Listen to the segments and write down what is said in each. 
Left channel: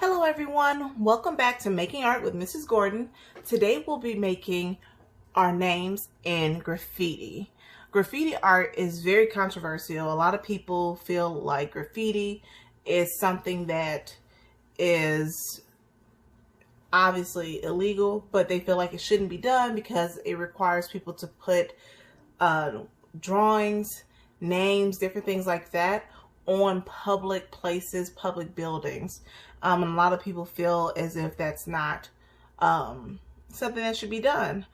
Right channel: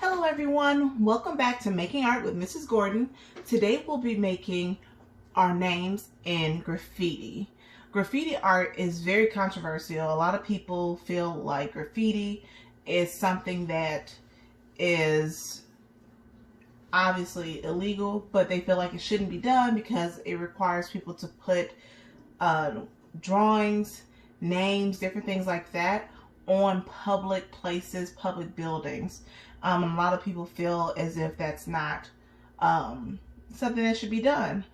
Hello everyone, welcome back to Making Art with Mrs. Gordon. Today we'll be making our names in graffiti. Graffiti art is very controversial. A lot of people feel like graffiti is something that is obviously illegal, but they feel like it shouldn't be done because it requires people to put drawings, names, different things like that on public places, public buildings. And a lot of people feel as if that's not something that should be done.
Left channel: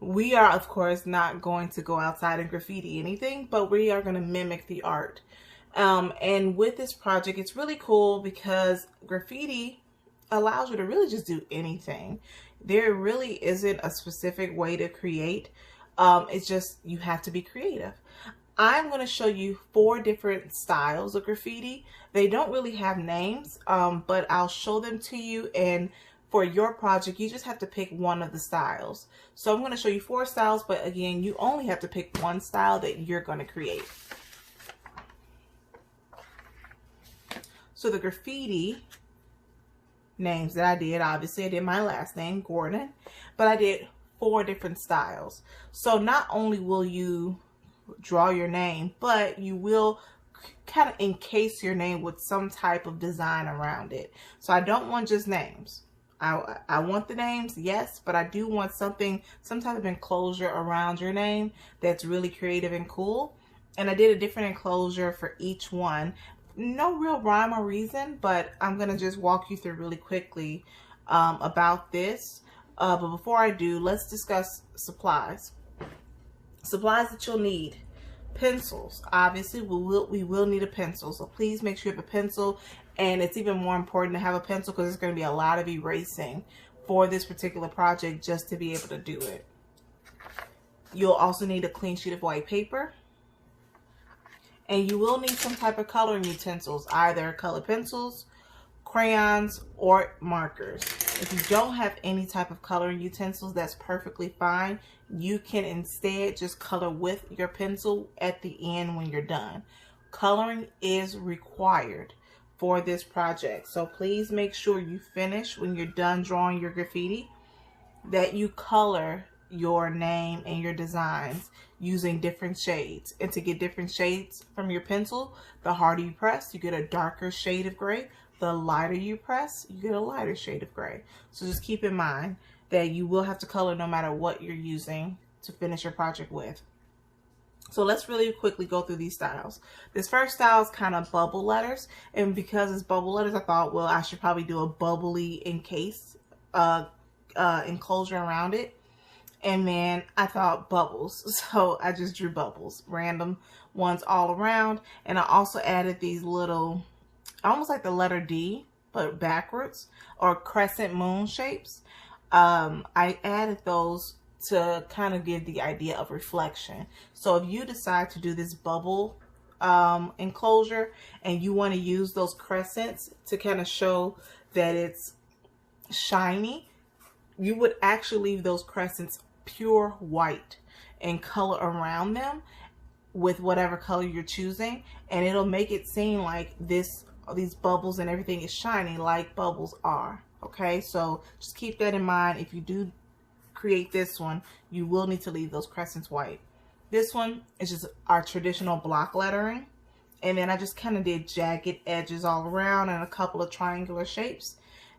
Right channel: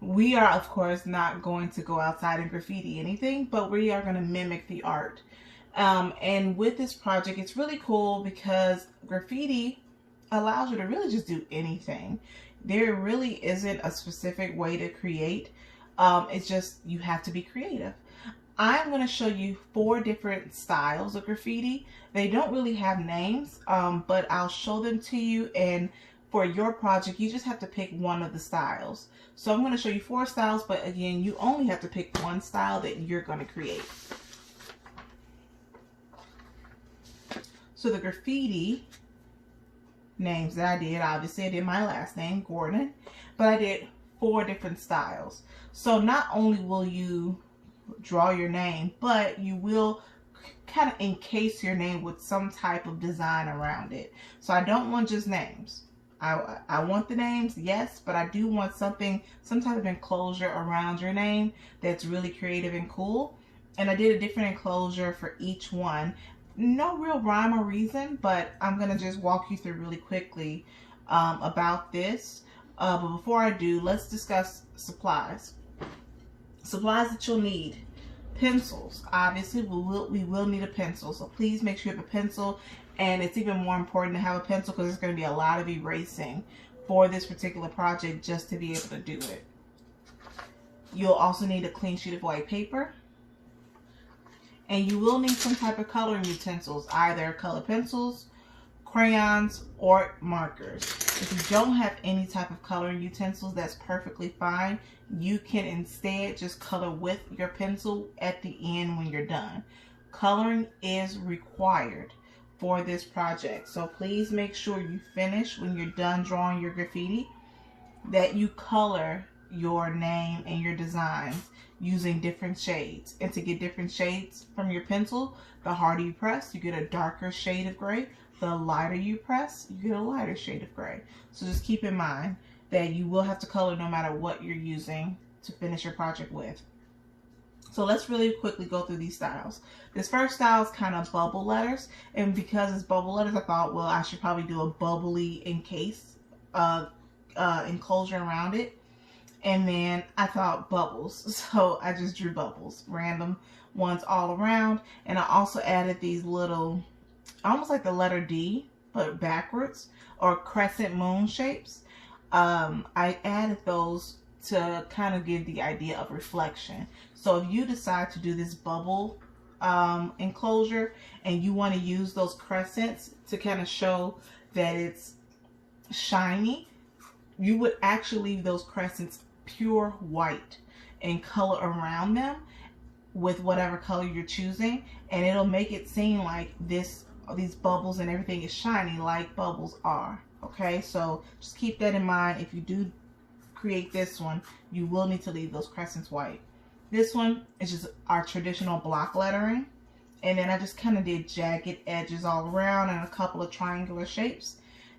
We are, of course, not going to go outside and graffiti anything, but we are going to mimic the art. And with this project, it's really cool because graffiti allows you to really just do anything. There really isn't a specific way to create. It's just you have to be creative. I'm going to show you 4 different styles of graffiti. They don't really have names, but I'll show them to you, and for your project you just have to pick one of the styles. So I'm going to show you 4 styles, but again, you only have to pick one style that you're going to create. So the graffiti names that I did, obviously I did my last name, Gordon, but I did 4 different styles. So not only will you draw your name, but you will kind of encase your name with some type of design around it. So I don't want just names. I want the names, yes, but I do want some type of enclosure around your name that's really creative and cool. And I did a different enclosure for each one. No real rhyme or reason, but I'm gonna just walk you through really quickly about this. But before I do, let's discuss supplies. Supplies that you'll need: pencils. Obviously we will need a pencil, so please make sure you have a pencil, and it's even more important to have a pencil because there's going to be a lot of erasing for this particular project just to be able to do it. You'll also need a clean sheet of white paper, and you will need some type of coloring utensils, either colored pencils, crayons, or markers. If you don't have any type of coloring utensils, that's perfectly fine. You can instead just color with your pencil at the end when you're done. Coloring is required for this project, so please make sure you finish when you're done drawing your graffiti, that you color your name and your designs using different shades. And to get different shades from your pencil, the harder you press, you get a darker shade of gray. The lighter you press, you get a lighter shade of gray. So just keep in mind that you will have to color no matter what you're using to finish your project with. So let's really quickly go through these styles. This first style is kind of bubble letters, and because it's bubble letters, I thought, well, I should probably do a bubbly enclosure around it. And then I thought bubbles, so I just drew bubbles, random ones all around. And I also added these little, almost like the letter D, but backwards, or crescent moon shapes. I added those to kind of give the idea of reflection. So if you decide to do this bubble enclosure and you want to use those crescents to kind of show that it's shiny, you would actually leave those crescents pure white and color around them with whatever color you're choosing, and it'll make it seem like these bubbles and everything is shiny like bubbles are. Okay, so just keep that in mind. If you do create this one, you will need to leave those crescents white. This one is just our traditional block lettering, and then I just kind of did jagged edges all around and a couple of triangular shapes.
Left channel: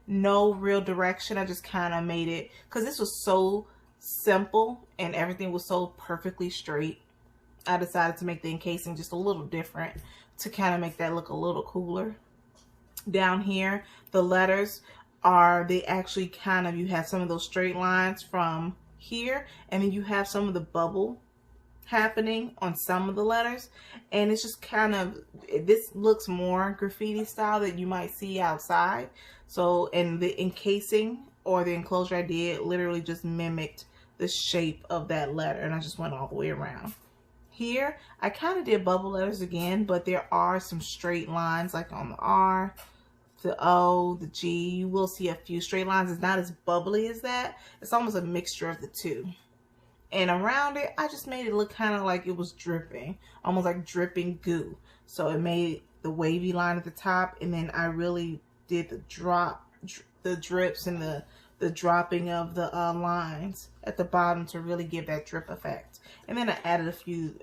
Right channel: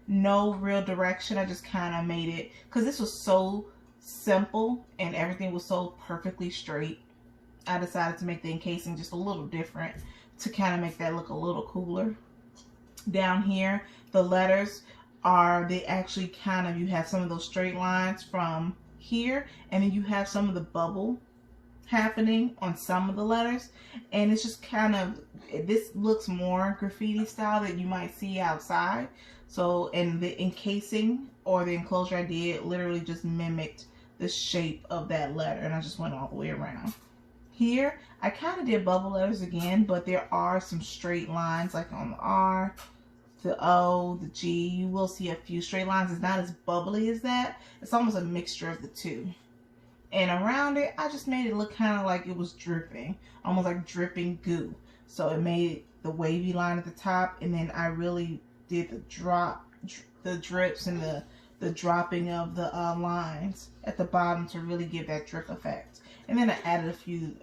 No real direction. I just kind of made it because this was so simple and everything was so perfectly straight. I decided to make the encasing just a little different to kind of make that look a little cooler. Down here, the letters are, they actually kind of, you have some of those straight lines from here, and then you have some of the bubble happening on some of the letters, and it's just kind of, this looks more graffiti style that you might see outside. So, and the encasing or the enclosure I did literally just mimicked the shape of that letter, and I just went all the way around. Here, I kind of did bubble letters again, but there are some straight lines, like on the R, the O, the G. You will see a few straight lines. It's not as bubbly as that. It's almost a mixture of the two. And around it, I just made it look kind of like it was dripping, almost like dripping goo. So it made the wavy line at the top, and then I really did the drop the drips and the dropping of the lines at the bottom to really give that drip effect. And then I added a few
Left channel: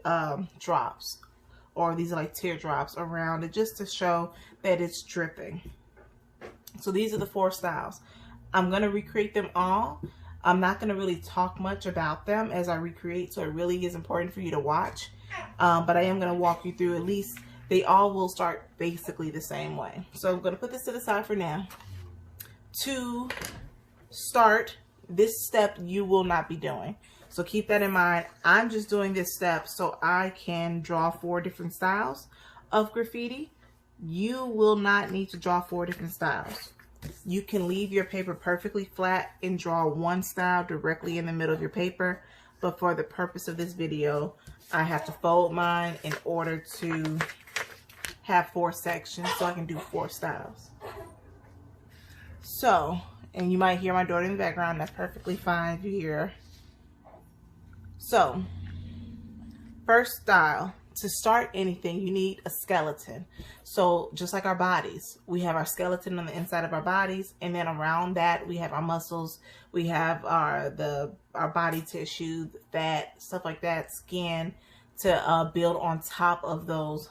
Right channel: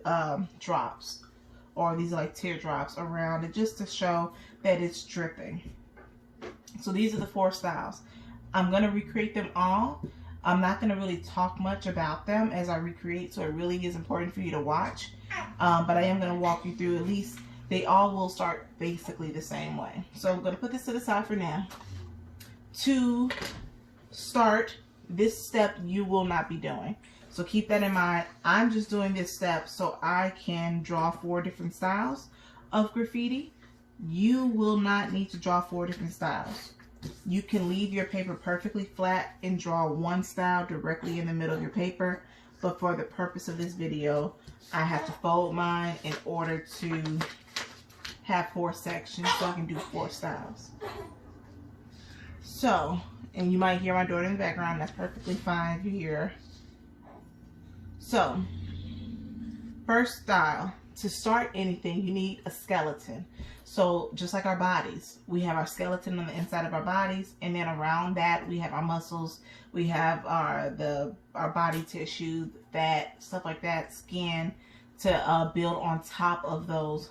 drops, or these are like teardrops around it, just to show that it's dripping. So these are the 4 styles. I'm going to recreate them all. I'm not going to really talk much about them as I recreate, so it really is important for you to watch. But I am going to walk you through, at least they all will start basically the same way. So I'm going to put this to the side for now. To start, this step you will not be doing. So keep that in mind. I'm just doing this step so I can draw 4 different styles of graffiti. You will not need to draw 4 different styles. You can leave your paper perfectly flat and draw 1 style directly in the middle of your paper. But for the purpose of this video, I have to fold mine in order to have 4 sections so I can do 4 styles. So, and you might hear my daughter in the background. That's perfectly fine if you hear her. So, first style, to start anything, you need a skeleton. So just like our bodies, we have our skeleton on the inside of our bodies, and then around that we have our muscles, we have our body tissue, fat, stuff like that, skin, to build on top of those,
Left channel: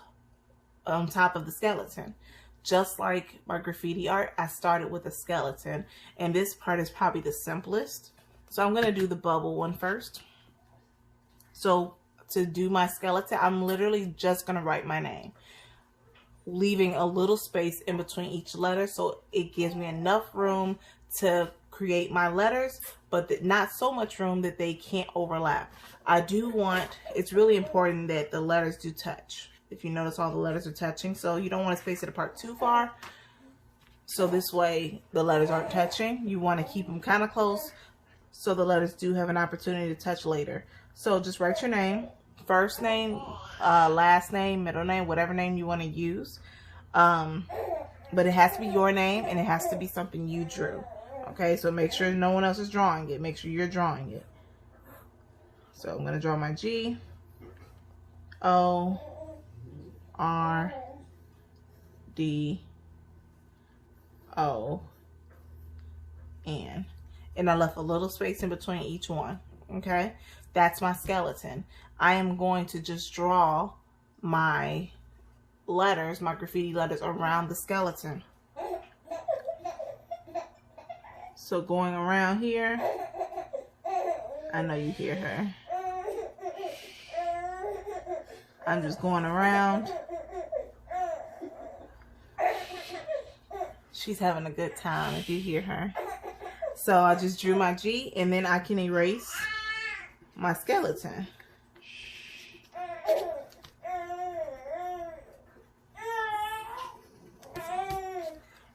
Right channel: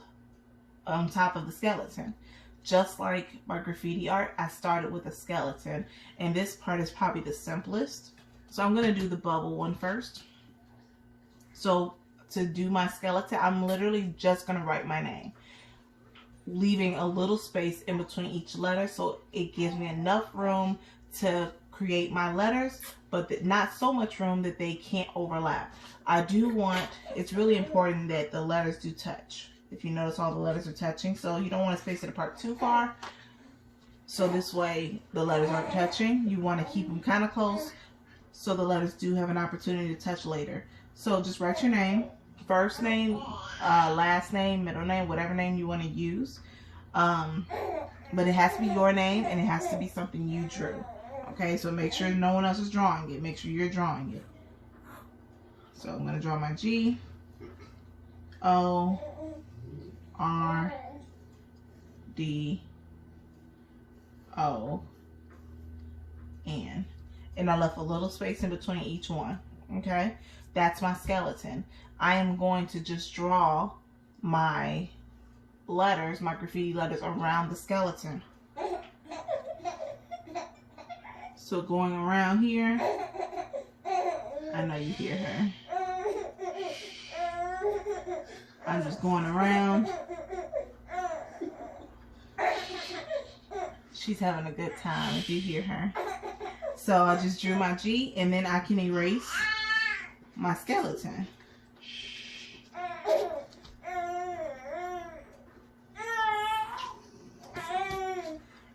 on top of the skeleton. Just like my graffiti art, I started with a skeleton, and this part is probably the simplest. So I'm going to do the bubble one first. So to do my skeleton, I'm literally just going to write my name, leaving a little space in between each letter so it gives me enough room to create my letters, but not so much room that they can't overlap. I do want, it's really important that the letters do touch. If you notice, all the letters are touching, so you don't want to space it apart too far. So this way the letters aren't touching. You want to keep them kind of close so the letters do have an opportunity to touch later. So just write your name, first name, last name, middle name, whatever name you want to use. But it has to be your name, and it has to be something you drew. Okay, so make sure no one else is drawing it. Make sure you're drawing it. So I'm going to draw my G, O, R, D, O, N. And I left a little space in between each one. Okay, that's my skeleton. I am going to just draw my letters, my graffiti letters, around the skeleton. So going around here, I know you hear her. I'm just going around. She's having a good time if you hear her. So I just drew my G, and then I can erase my skeleton.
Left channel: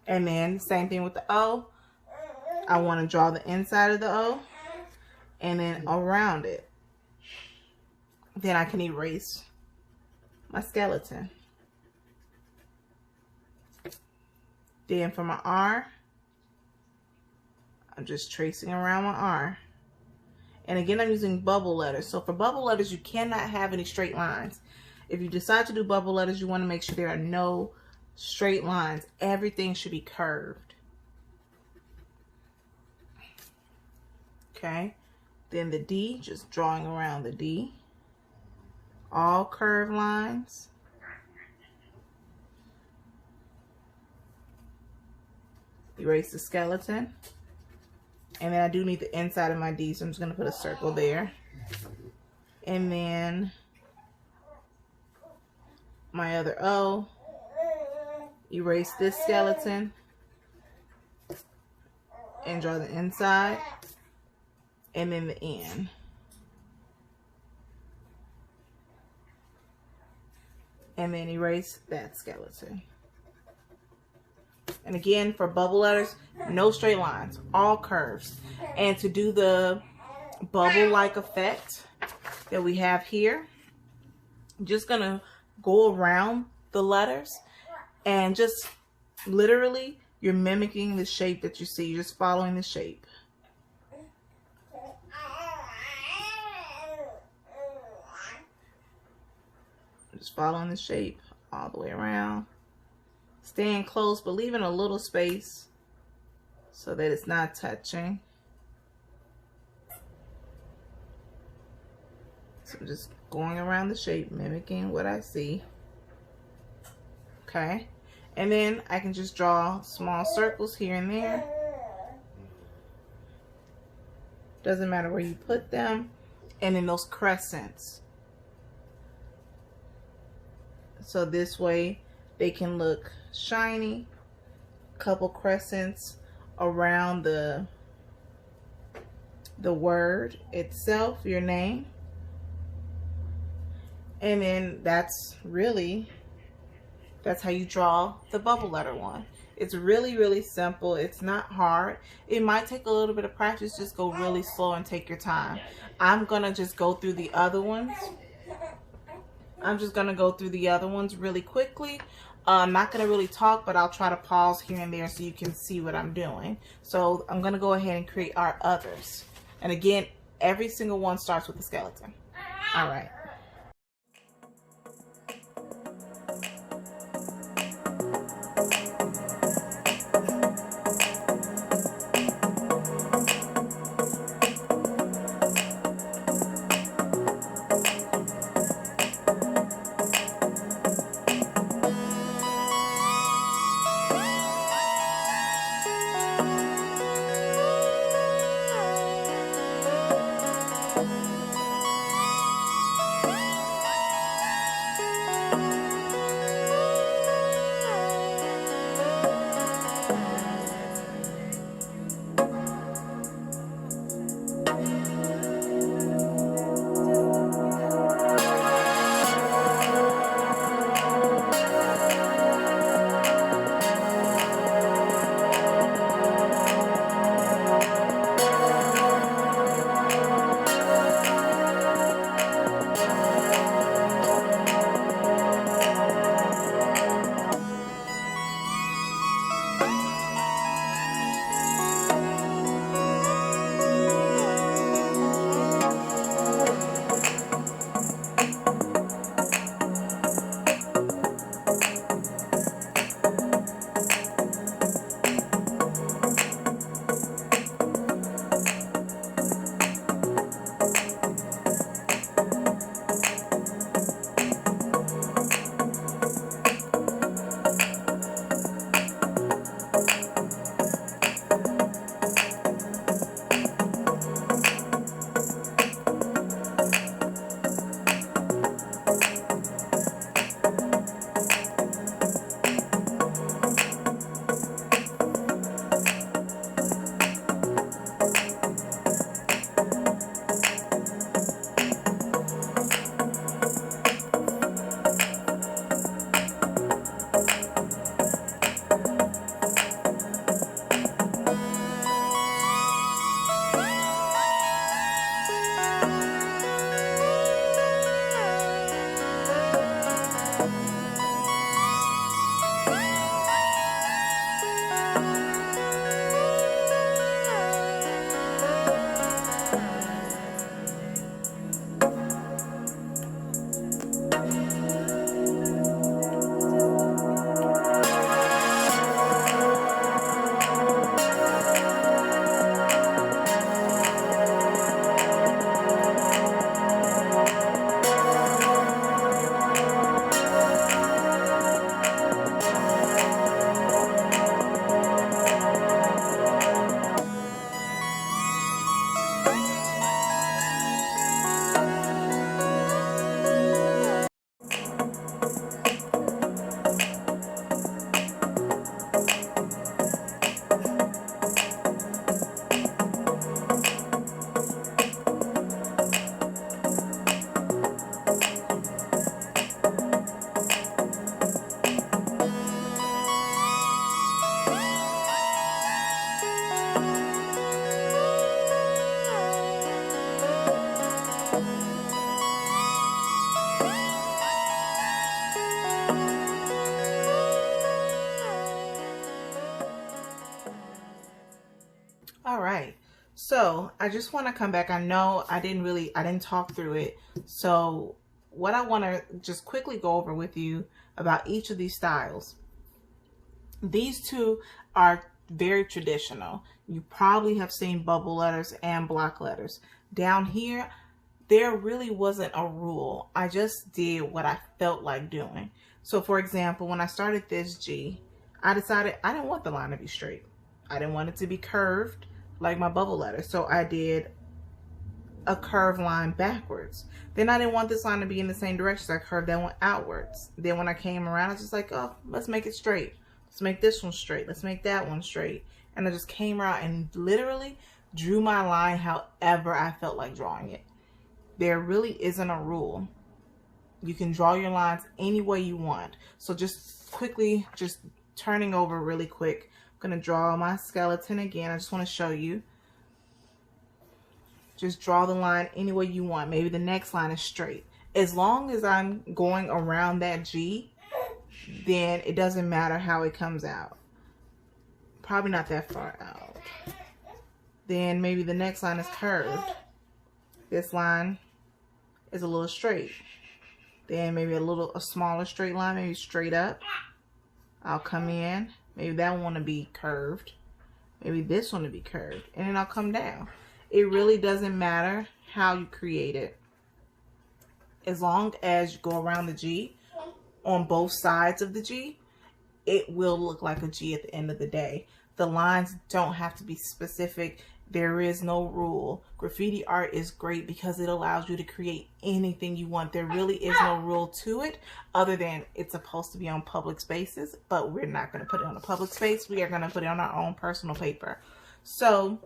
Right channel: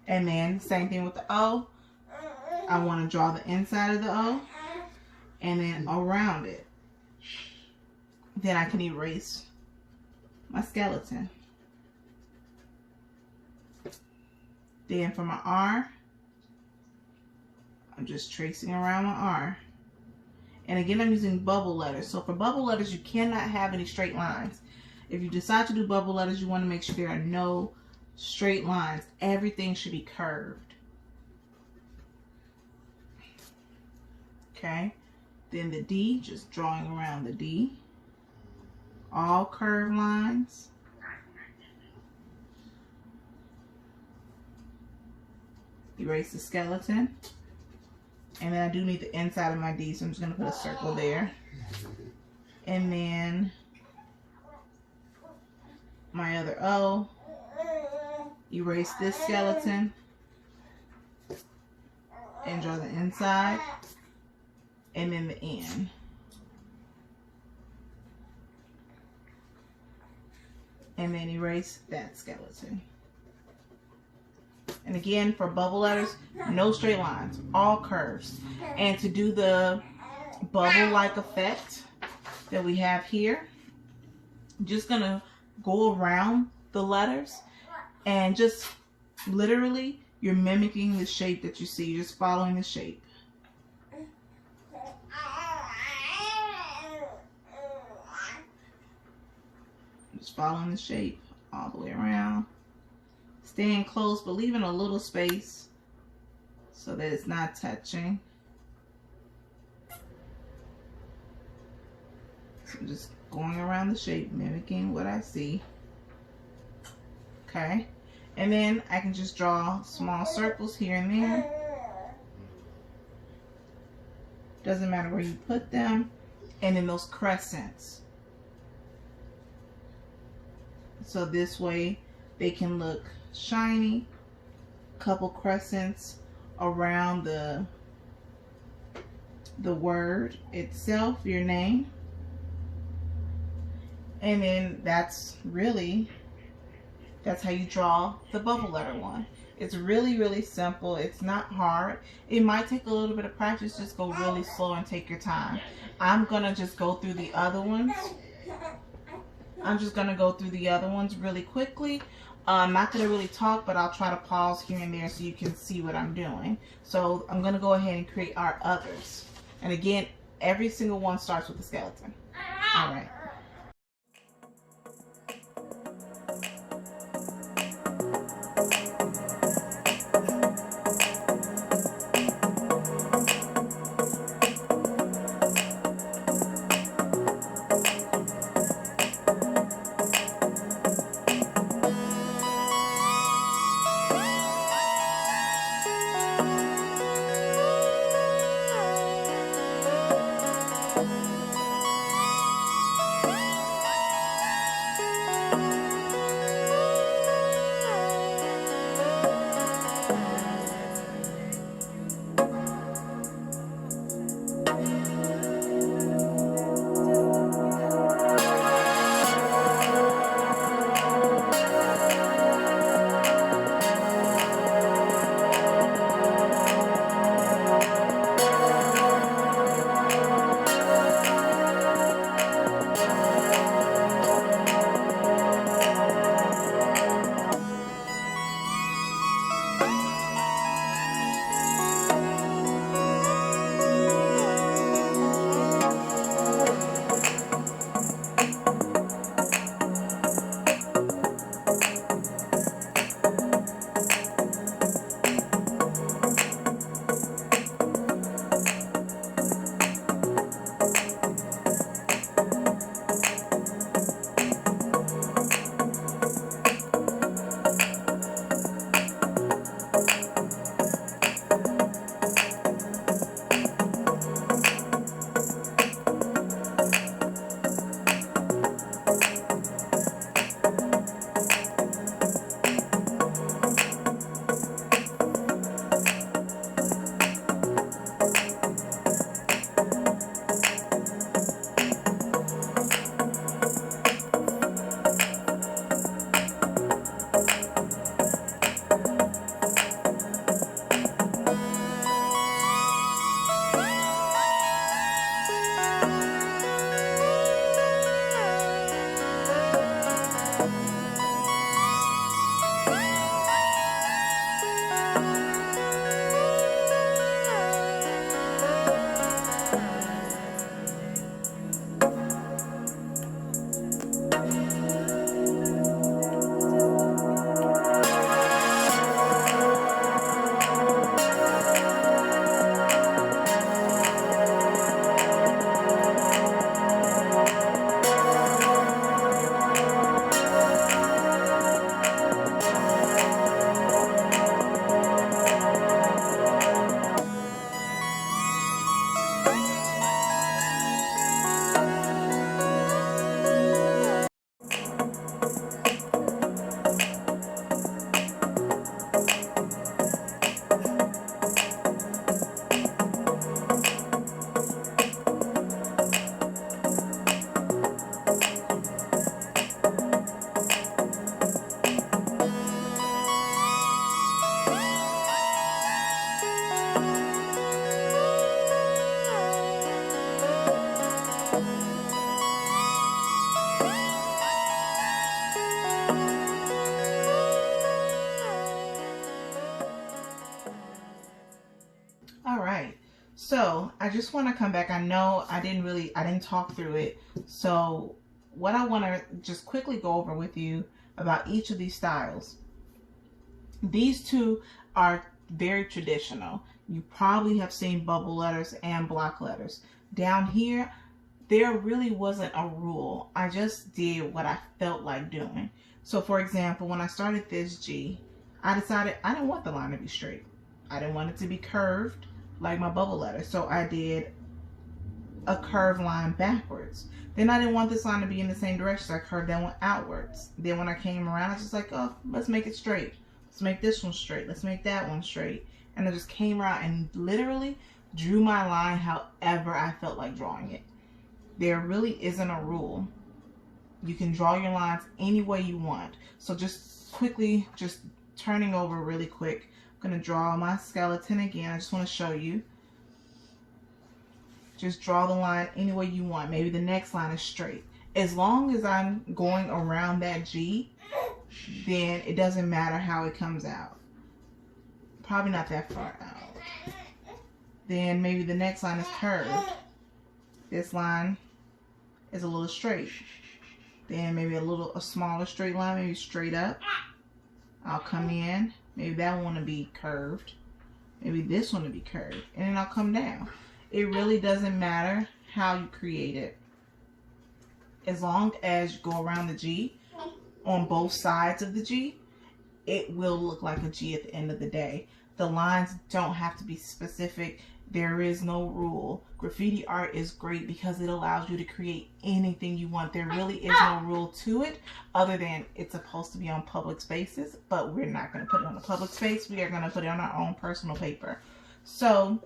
And then same thing with the O. I want to draw the inside of the O and then around it. Then I can erase my skeleton. Then for my R, I'm just tracing around my R. And again, I'm using bubble letters. So for bubble letters, you cannot have any straight lines. If you decide to do bubble letters, you want to make sure there are no straight lines. Everything should be curved. Okay. Then the D, just drawing around the D. All curved lines. Erase the skeleton. And then I do need the inside of my D, so I'm just going to put a circle there. And then my other O. Erase this skeleton. And draw the inside. And then the N. And then erase that skeleton. And again, for bubble letters, no straight lines, all curves. And to do the bubble-like effect that we have here, I'm just gonna go around the letters and just literally, you're mimicking the shape that you see. You're just following the shape. Just following the shape all the way around. Staying close, but leaving a little space so that it's not touching. So I'm just going around the shape, mimicking what I see. Okay, and then I can just draw small circles here and there. Doesn't matter where you put them. And then those crescents. So this way they can look shiny. Couple crescents around the word itself, your name. And then that's how you draw the bubble letter one. It's really, really simple. It's not hard. It might take a little bit of practice. Just go really slow and take your time. I'm gonna just go through the other ones. Really quickly. I'm not gonna really talk, but I'll try to pause here and there so you can see what I'm doing. So I'm gonna go ahead and create our others. And again, every single one starts with a skeleton. All right. All right, so I just want to come back. I know I didn't talk through it. So what I want to just quickly go over with you about each of these styles. These two are very traditional. You probably have seen bubble letters and block letters. Down here, there really wasn't a rule. I just did what I felt like doing. So for example, when I started this G, I decided I didn't want the line to be straight. I didn't want it to be curved like my bubble letter. So I did a curved line backwards. Then I didn't want this line to be in the same direction, so I curved that one outwards. Then when I came around, I was just like, oh, let's make it straight. Let's make this one straight. Let's make that one straight. And I just came around and literally drew my line however I felt like drawing it. There really isn't a rule. You can draw your lines any way you want. So just quickly, just turning over really quick, I'm gonna draw my skeleton again. I just wanna show you. Just draw the line any way you want. Maybe the next line is straight. As long as I'm going around that G, then it doesn't matter how it comes out. Probably not that far out. Then maybe the next line is curved. This line is a little straight. Then maybe a smaller straight line, maybe straight up. I'll come in. Maybe that one will be curved. Maybe this one will be curved. And then I'll come down. It really doesn't matter how you create it. As long as you go around the G on both sides of the G, it will look like a G at the end of the day. The lines don't have to be specific. There is no rule. Graffiti art is great because it allows you to create anything you want. There really is no rule to it other than it's supposed to be on public spaces, but we're not going to put it on a public space. We are going to put it on our own personal paper. So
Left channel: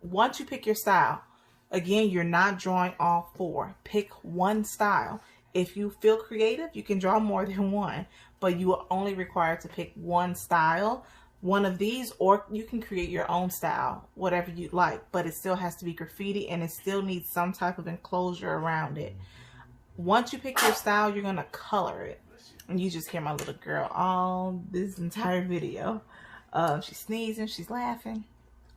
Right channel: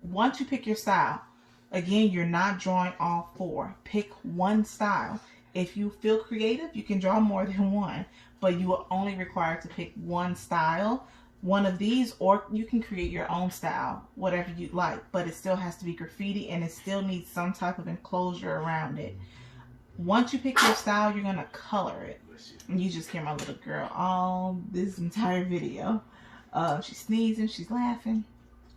once you pick your style, again, you're not drawing all four. Pick one style. If you feel creative, you can draw more than one, but you are only required to pick one style, one of these, or you can create your own style, whatever you like, but it still has to be graffiti and it still needs some type of enclosure around it. Once you pick your style, you're gonna color it. And you just hear my little girl all this entire video. She's sneezing, she's laughing,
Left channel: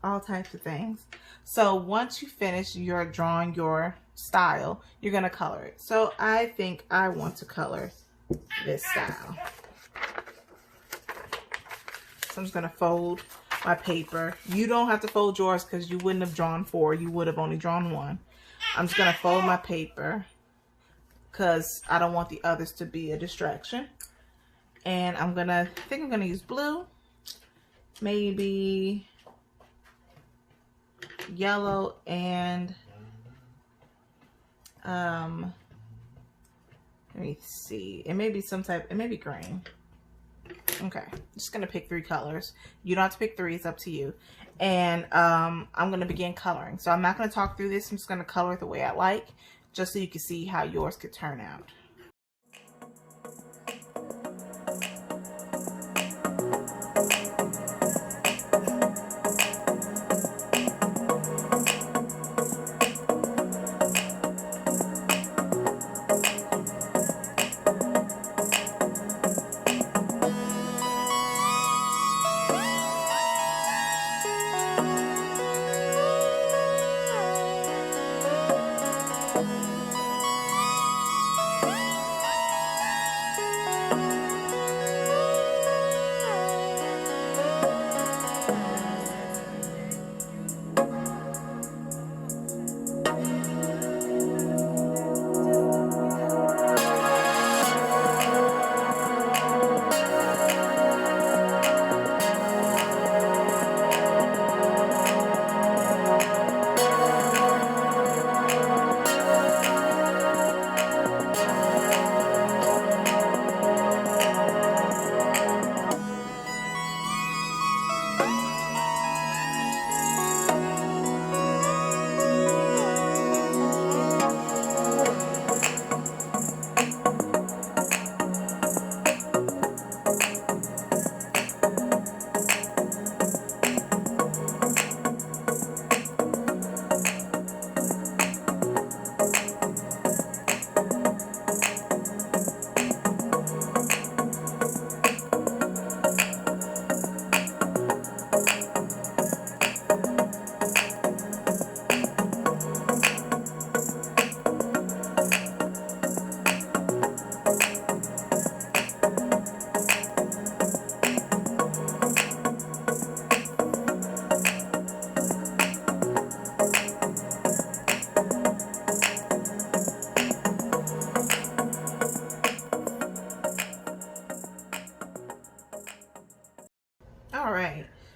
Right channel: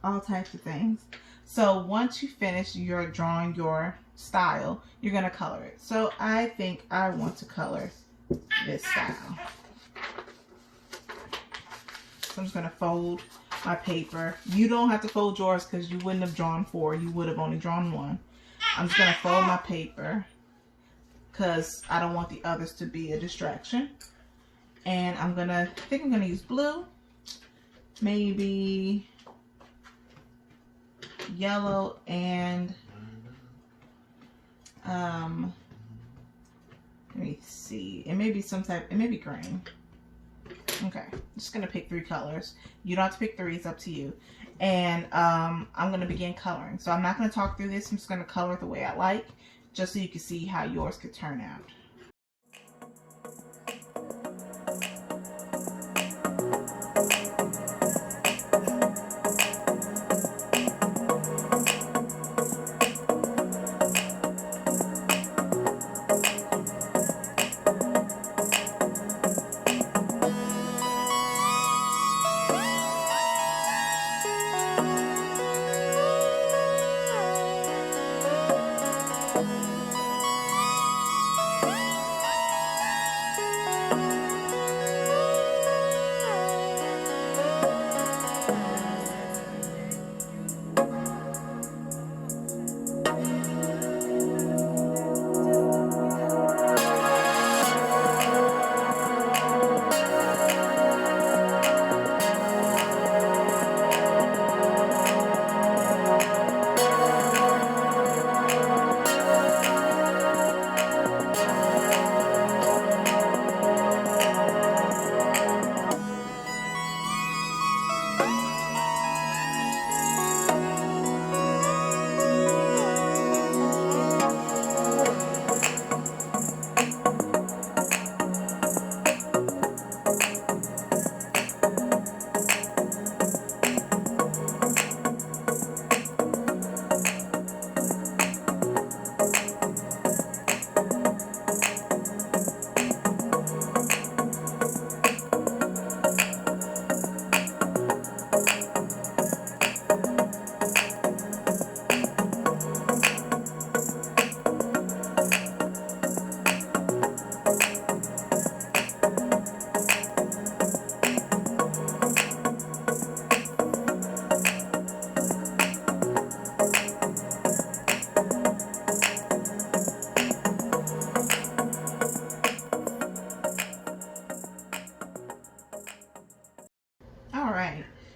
all types of things. So once you finish your drawing your style, you're gonna color it. So I think I want to color this style. So I'm just gonna fold my paper. You don't have to fold yours because you wouldn't have drawn four. You would have only drawn one. I'm just gonna fold my paper because I don't want the others to be a distraction. And I think I'm gonna use blue, maybe yellow, and let me see, it may be green. Okay, I'm just gonna pick 3 colors. You don't have to pick 3, it's up to you. And I'm gonna begin coloring. So I'm not gonna talk through this, I'm just gonna color it the way I like, just so you can see how yours could turn out.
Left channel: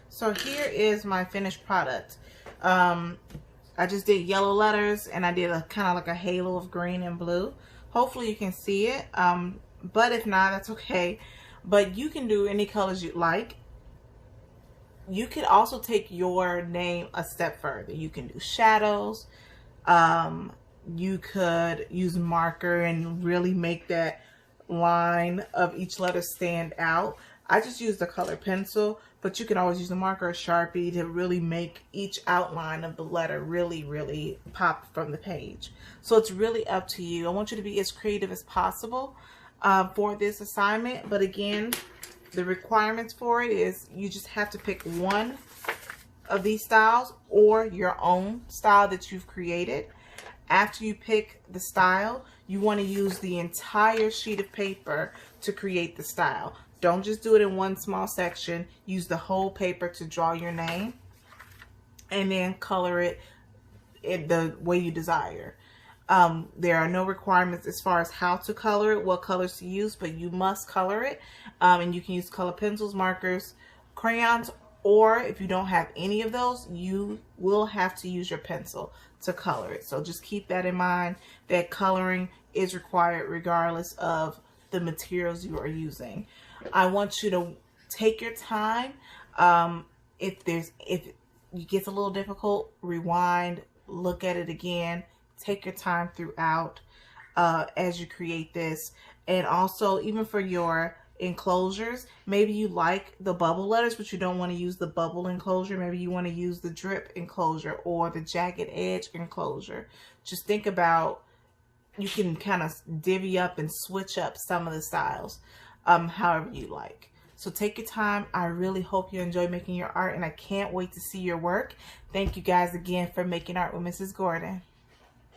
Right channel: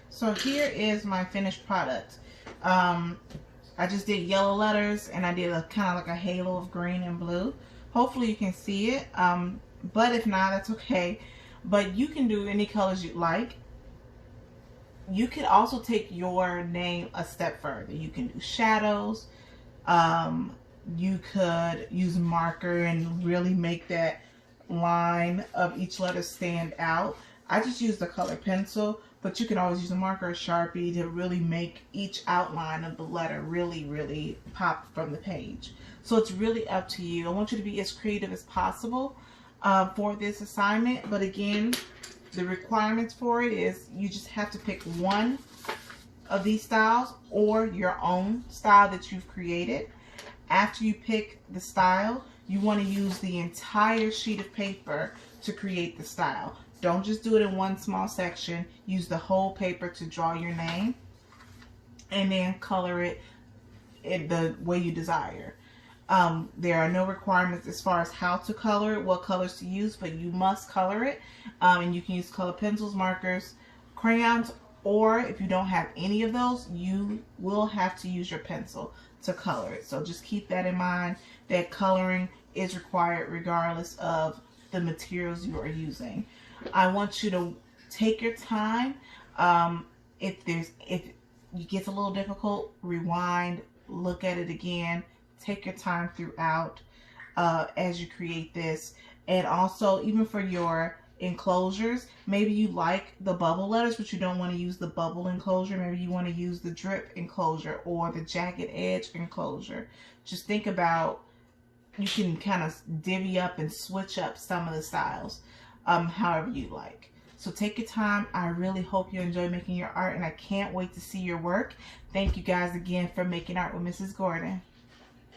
So here is my finished product. I just did yellow letters, and I did a kind of like a halo of green and blue. Hopefully you can see it, but if not, that's okay. But you can do any colors you like. You could also take your name a step further. You can do shadows. You could use a marker and really make that line of each letter stand out. I just used a color pencil, but you can always use a marker or Sharpie to really make each outline of the letter really pop from the page. So it's really up to you. I want you to be as creative as possible for this assignment. But again, the requirements for it is you just have to pick one of these styles or your own style that you've created. After you pick the style, you want to use the entire sheet of paper to create the style. Don't just do it in one small section. Use the whole paper to draw your name and then color it in the way you desire. There are no requirements as far as how to color it, what colors to use, but you must color it. And you can use color pencils, markers, crayons, or if you don't have any of those, you will have to use your pencil to color it. So just keep that in mind, that coloring is required regardless of the materials you are using. I want you to take your time. If it gets a little difficult, rewind, look at it again, take your time throughout as you create this. And also, even for your enclosures, maybe you like the bubble letters but you don't want to use the bubble enclosure. Maybe you want to use the drip enclosure or the jagged edge enclosure. Just think about, you can kind of divvy up and switch up some of the styles however you like. So take your time. I really hope you enjoy making your art, and I can't wait to see your work. Thank you guys again for making art with Mrs. Gordon.